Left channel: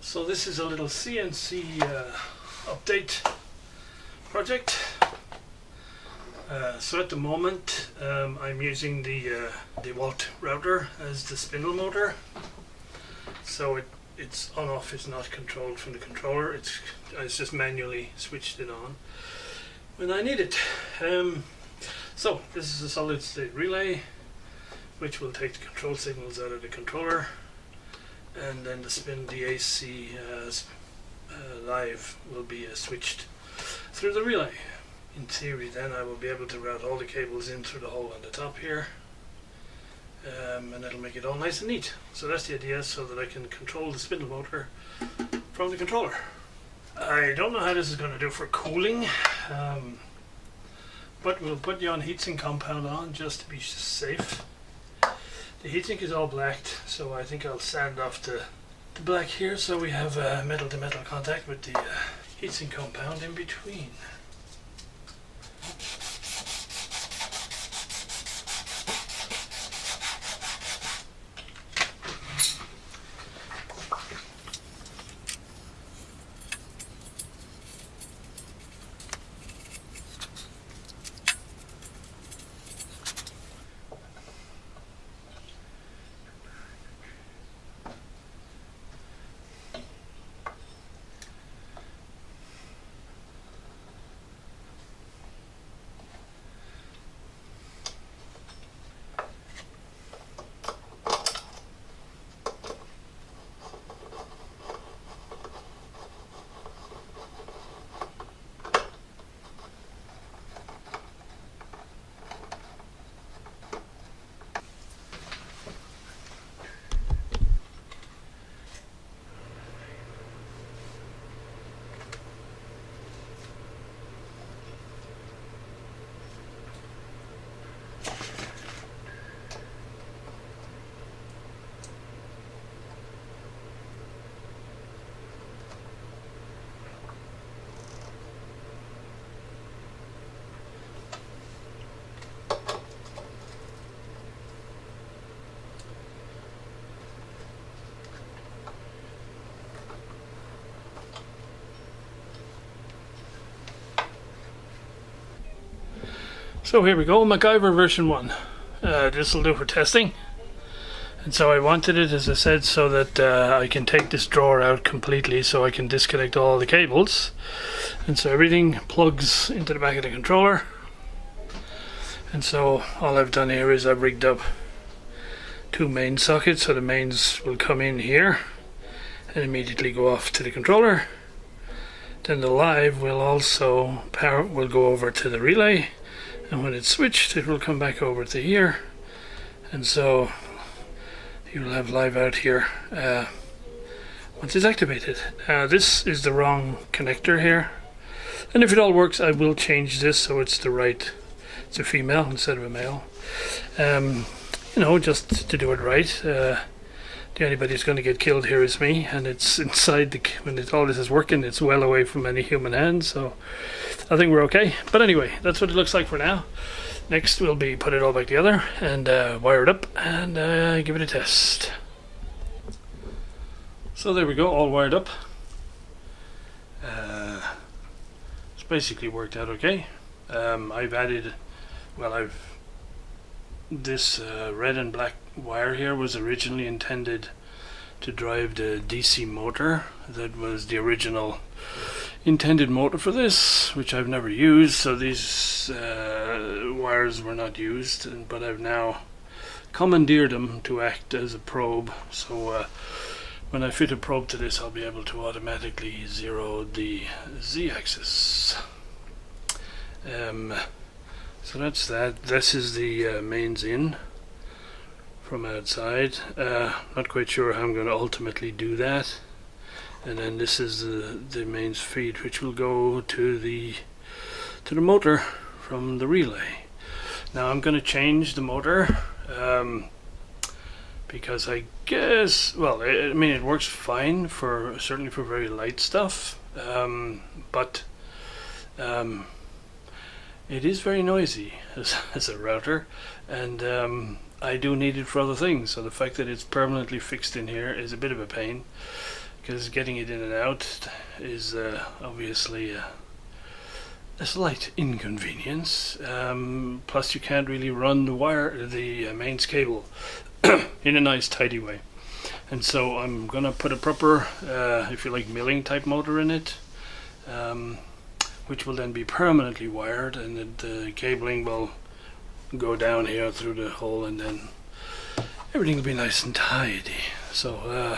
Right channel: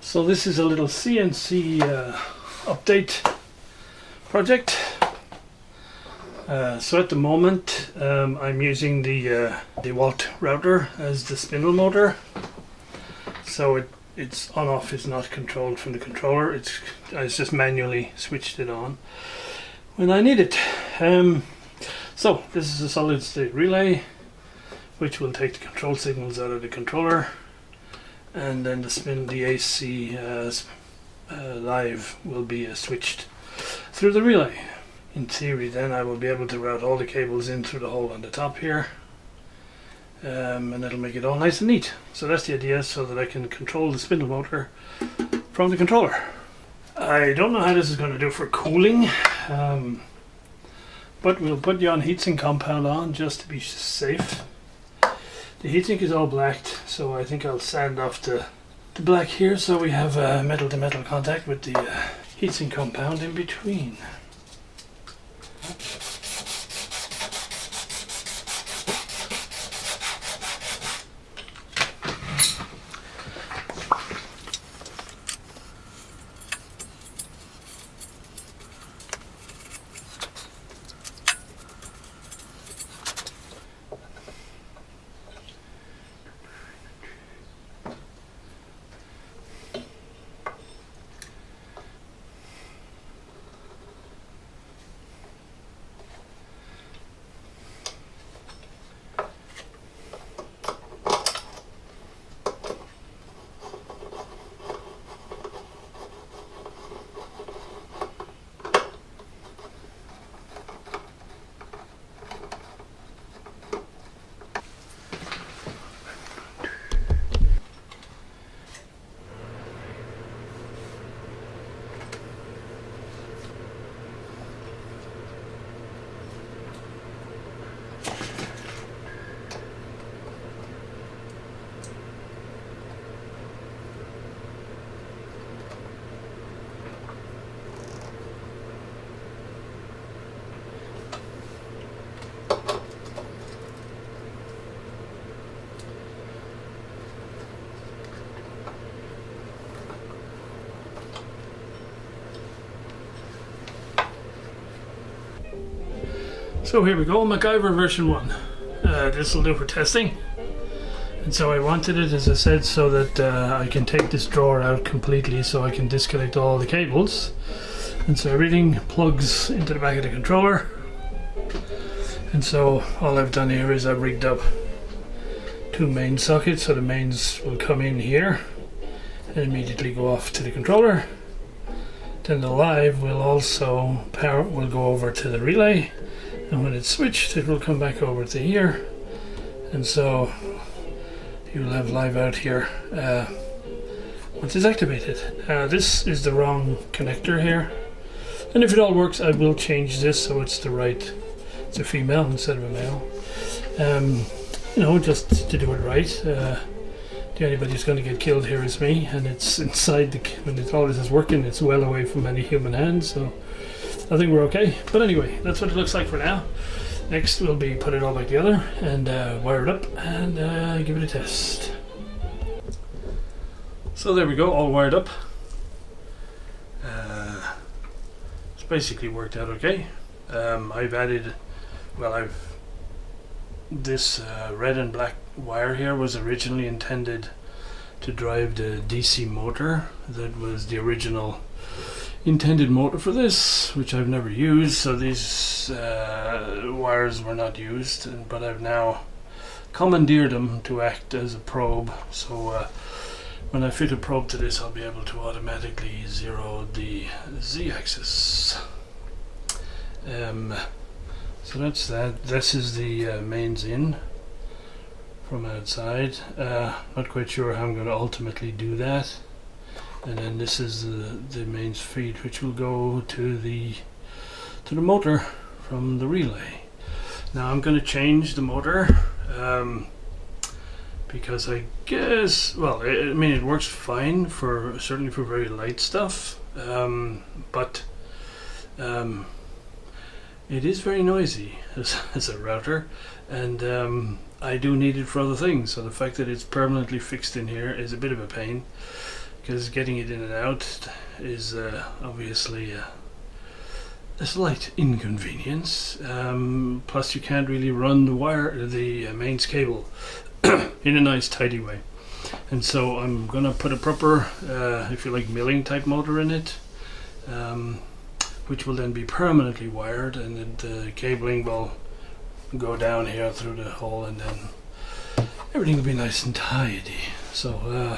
So this is a little CNC update project. So at the moment I'm using the DeWalt router as the spindle motor. So it's on off is not controlled from the controller. It's just manually switched it on when I need it. So this is a solid state relay which will take the control signals out of the controller, and then the AC live will be switched through the relay. In theory then I will be able to route all the cables in through the hole on the top here, and it'll make it all nice and neat. So that's the idea, so that I can control the spindle motor from the controller. I don't know how this is going to do for cooling, but we'll put the heatsink compound on just to be safe. The heatsink is all blacked, so I think I'll sand off the black here so we have metal to metal contact with the heatsink compound in between. So here we go, MacGyver version 1. This will do for testing. And so I wanted it, as I said, so that I can take this drawer out completely, so I can disconnect all the cables. And so everything plugs into the back of the controller. And so all I've done here is I've rigged up 2 main sockets, so the mains will come in here and immediately go off to the controller. Then the live will also will go over to the relay. And when it's switched, it will come back over to here, and so you'll have live out here once it's activated. This is the wrong connector here, and if it all works, I will change this so it's a female instead of a male. You know, just to do it right. The only who's going to get killed here is me, and it's inside when all this is working, it's well away from any human hands, so I think we're okay. But anyway, that's what it looks like for now. Next we'll be put it all back together and wire it up and give it a test. So there we go, all wired up. It's basically worked out okay. I've added, this red and black wire here was originally intended to drive the DC motor. That was the original intended motor for this, which I've never used, so these wires were not used, but I've now commandeered them to act as a probe. So when I fit a probe to this, I'll be able to automatically zero the Z-axis. So that's that. This is the mains in from outside. Not quite sure how I'm going to ultimately do that. And then this is the mains feed, which will go to the motor from the relay. Now I'm going to change the motor because I guess, I mean, it works fine certainly for very light stuff, but it is very noisy as a router, and I do need it for other things. So the fact that it's permanently fixed in here is a bit of a pain, because getting it in and out is obviously a slight inconvenience. Plus you can't really run the mains cable in a nice tidy way. And so I'm gonna put a proper, if you like, milling type motor in it, which will then be permanently wired, and then the cabling will go down here through the hole, and then everything will be nice and tidy. So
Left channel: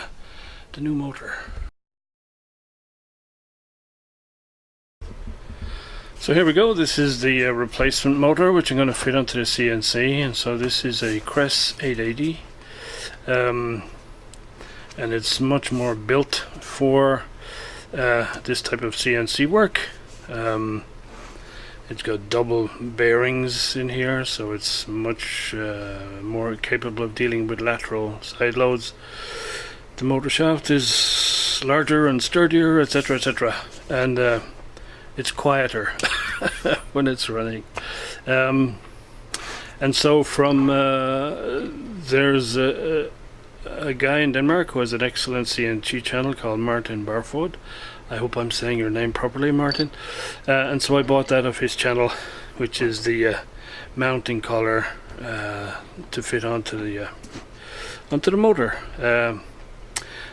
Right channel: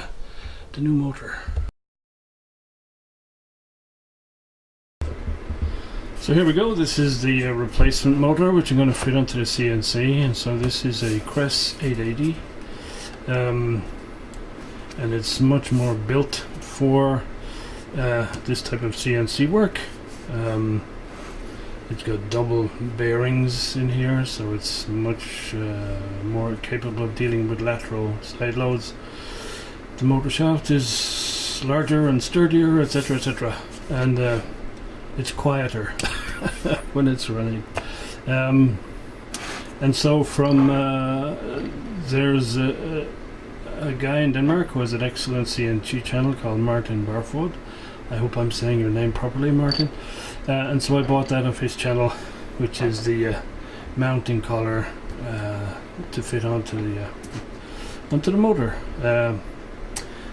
the new motor. So here we go. This is the replacement motor which I'm going to fit onto the CNC, and so this is a Cress 880, and it's much more built for this type of CNC work. It's got double bearings in here, so it's much more capable of dealing with lateral side loads. The motor shaft is larger and sturdier, etc., etc., and it's quieter when it's running. And so from there's a guy in Denmark who has an excellent CNC channel called Martin Barfod. I hope I'm saying your name properly, Martin. And so I bought that off his channel, which is the mounting collar to fit onto the motor.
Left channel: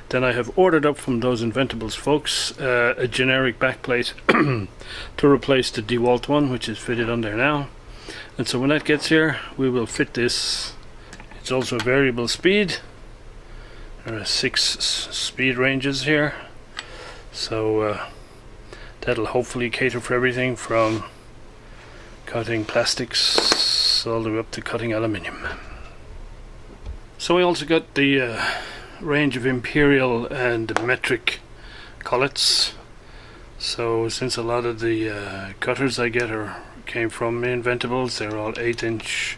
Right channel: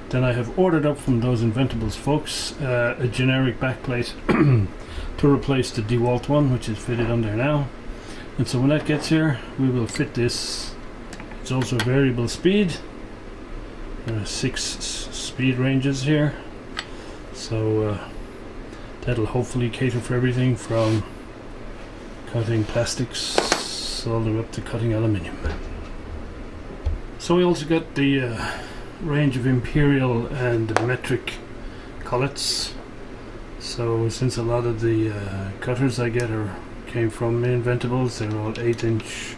Then I have ordered up from those Inventables folks a generic backplate to replace the DeWalt one, which is fitted on there now. And so when that gets here, we will fit this. It's also a variable speed. There are 6 speed ranges here, so that'll hopefully cater for everything from cutting plastics all the way up to cutting aluminium. So we also got the range of imperial and metric collets. So since a lot of the cutters I get came from Inventables, they're all 8-inch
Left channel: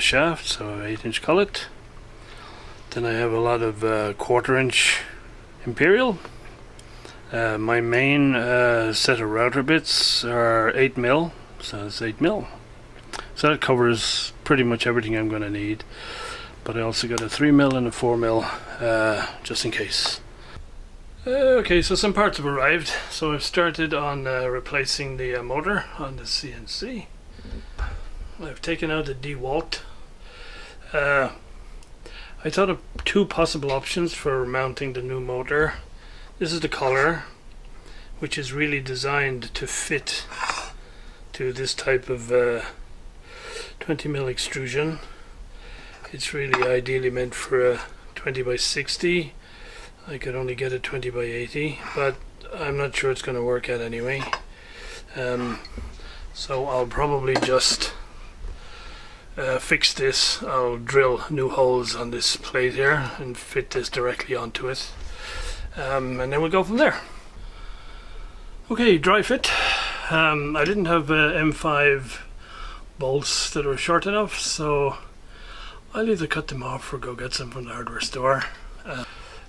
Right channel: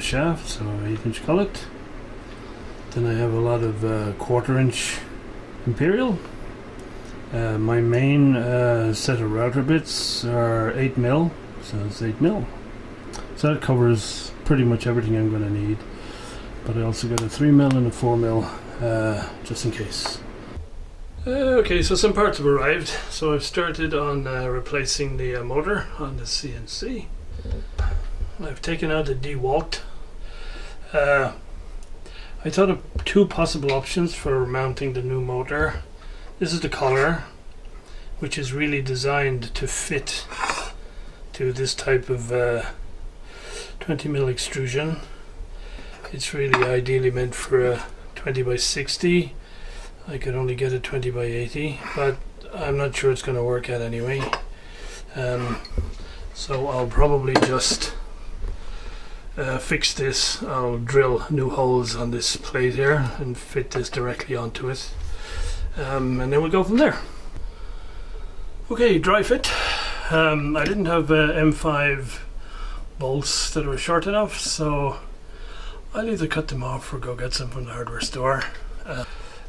shafts, so 8-inch collet. Then I have a lot of 1/4-inch imperial. My main set of router bits are 8mm, so it's 8mm. So that covers pretty much everything I'm going to need. But I also got a 3mm and a 4mm just in case. Okay, so some parts have arrived. So I've started on replacing the motor on the CNC. I've taken out the DeWalt. I thought of 2 possible options for mounting the new motor. This is the collar, which is really designed to fit to this type of 20mm extrusion. It's really ideally meant for a 20x60. I could only get a 20x80, but I'm not sure it's going to work out anyway. So I'll probably just fix this. I'll drill new holes on this plate here and fit this directly onto it, and then we'll go from there. Okay, dry fit. I didn't have M5 bolts that were short enough, so I'll either cut them off or go get some from the hardware store.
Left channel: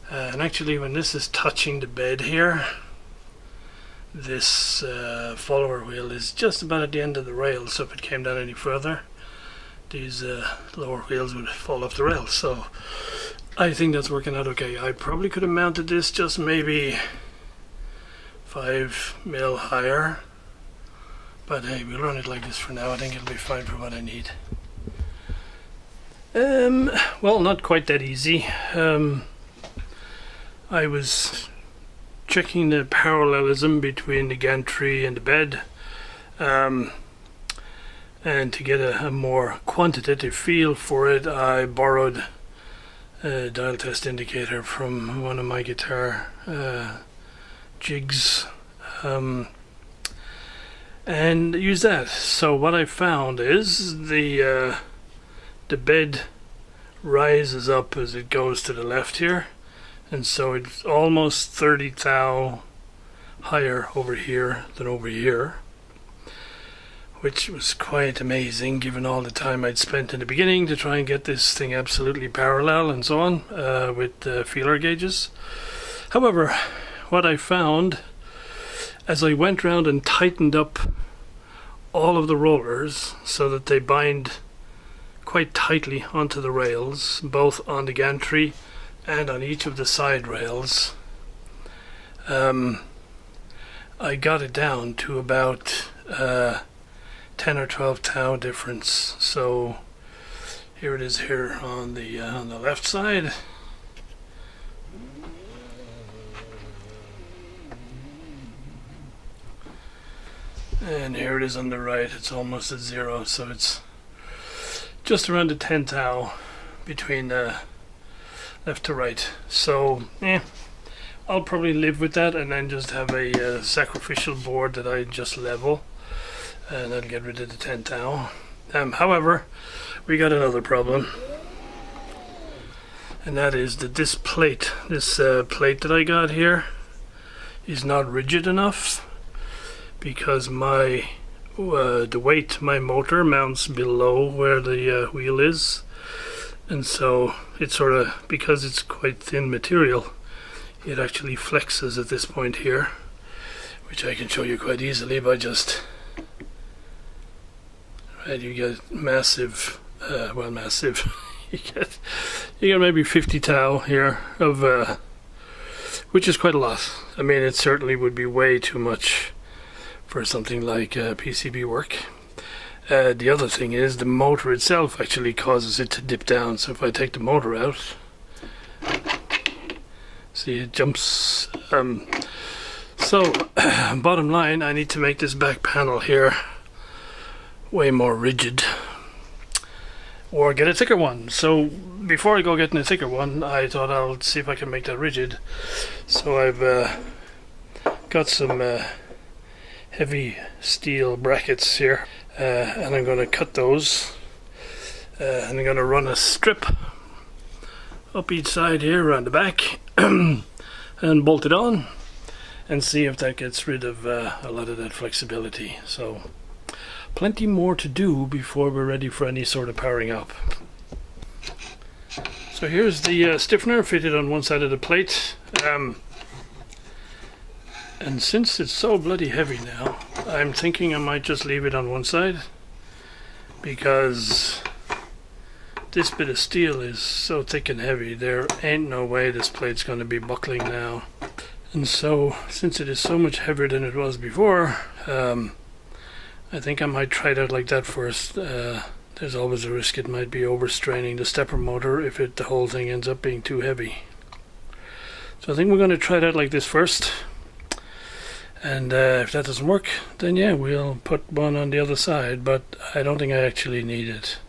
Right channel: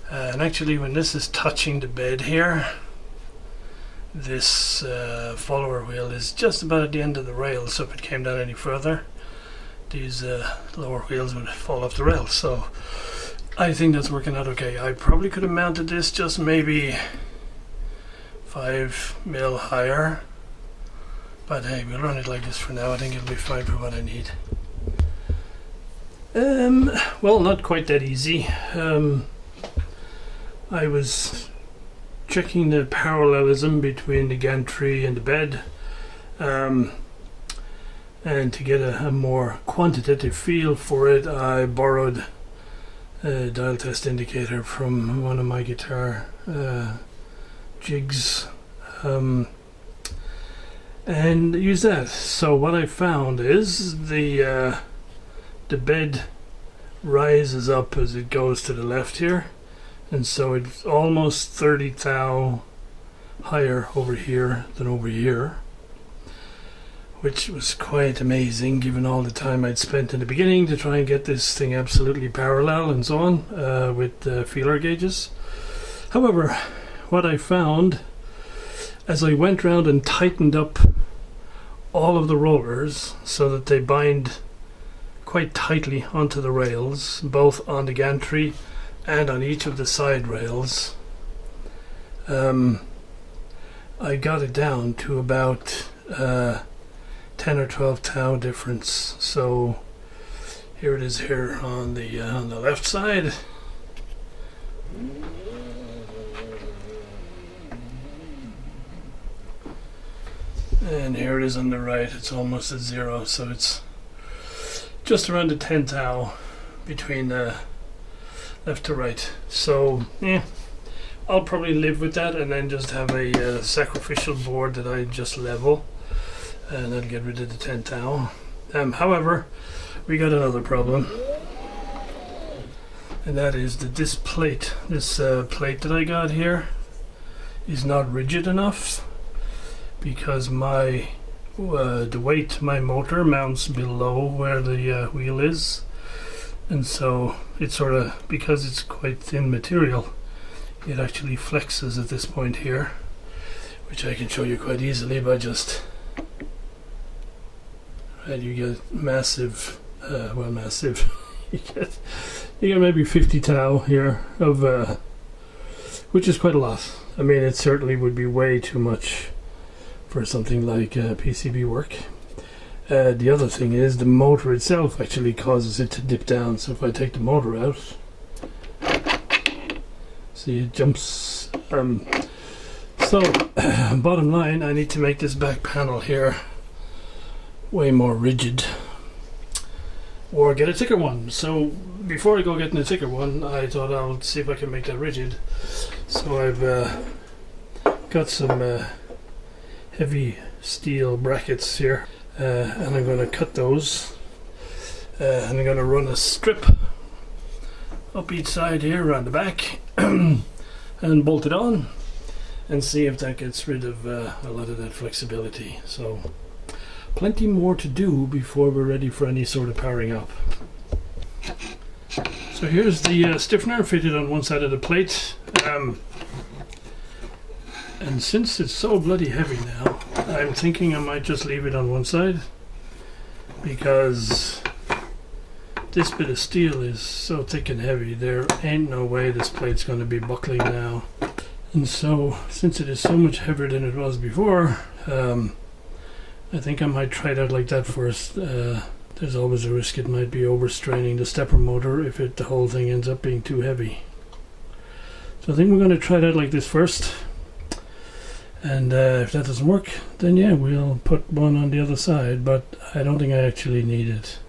And actually, when this is touching the bed here, this follower wheel is just about at the end of the rail, so if it came down any further, these lower wheels would fall off the rail. So I think that's working out okay. I probably could have mounted this just maybe 5mm higher, but hey, we'll run it like this for now. I think it'll be fine for what I need. Well, not quite that easy. I was checking the parallelism between the gantry and the bed, and to get a more quantitative feel for it, I borrowed a dial test indicator from one of my guitar jigs, and use that. So what I found is the bed rises up as it goes to the left here, and so it's almost 30 thou higher over here than over here, which was quite amazing given all the time I'd spent in the beginning to try and get this thing absolutely parallel and so on with feeler gauges. However, what I found as I went around and tightened up all of the rollers so that they bind quite tightly onto the rails, both on the gantry and on each of the side rails. I got it down to about 10 or 12 thou difference. So here it is here on the left side. And here it is on the right. It's almost at 0, so it's just around the 10 thou between left to right. So yeah, I'll probably live with that, and then just have a sacrificial board that I just level, and I'll get rid of the 10 thou. However, we got another problem, and that is that this plate that I got here is not rigid enough, because my the weight my motor mounts below where the wheel is, and so it's sort of, because it's quite thin material, it actually flexes at this point here, which I can show you quite easily by just, right, you get massive, massive, you get maybe 50 thou here of, which is quite a lot. I mean, it certainly would be way too much for something like PCB work. The other thing is the motor itself actually causes it to dip down. So if I take the motor out, see, it jumps. So bottom line, I need to make this back panel here way more rigid, or get a thicker one. So before I go getting a thicker one, I thought I'll see if I can make that rigid. So I've got some heavy steel brackets here, and I'm going to cut those, and I'm going to run a strip up each side here around the back and bolt it on, and see if that gets rid of a lot of that flexibility. So plenty more to do before we're ready for any sort of powering up. So here's the stiffener fitted on one side of the plate. And since it's so bloody heavy now, I'm thinking I might just leave it on one side, because this bit of steel is so thick and heavy, there ain't no way this plate's going to be buckling now. And so, since it is so much heavier than it was before, I think I might try it out like that first. There's always a risk it might be overstraining the stepper motor if the whole thing ends up being too heavy. So I think we're going to try it out like this first. And if that doesn't work, then yeah, we'll put one on the other side, but I don't think I actually need it.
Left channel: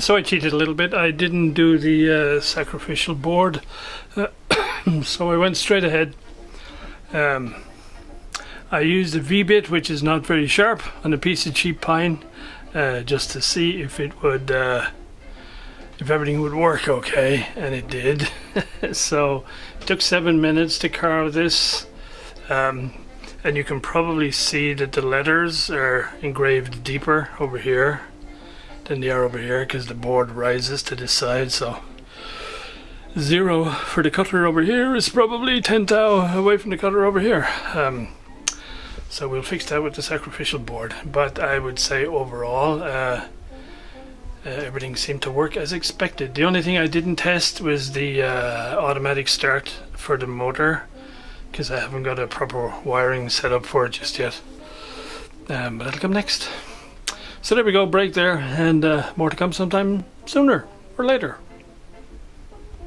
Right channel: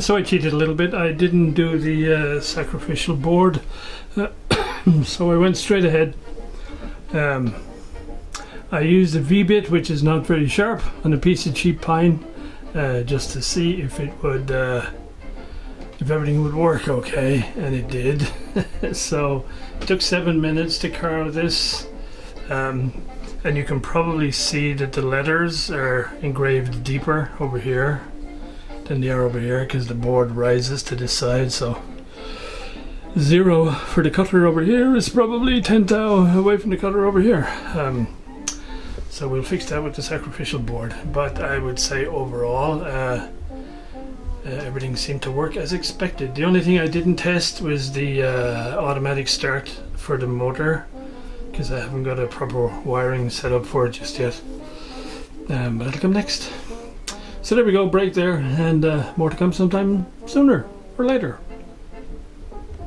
So I cheated a little bit. I didn't do the sacrificial board, so I went straight ahead. I used a V-bit, which is not very sharp, on a piece of cheap pine, just to see if it would, if everything would work okay, and it did. So it took 7 minutes to carve this, and you can probably see that the letters are engraved deeper over here than they are over here, because the board rises to this side. So 0 for the cutter over here is probably 10 thou away from the cutter over here. So we'll fix that with the sacrificial board. But I would say overall everything seemed to work as expected. The only thing I didn't test was the automatic start for the motor, because I haven't got a proper wiring set up for it just yet. But that'll come next. So there we go, break there, and more to come sometime sooner or later.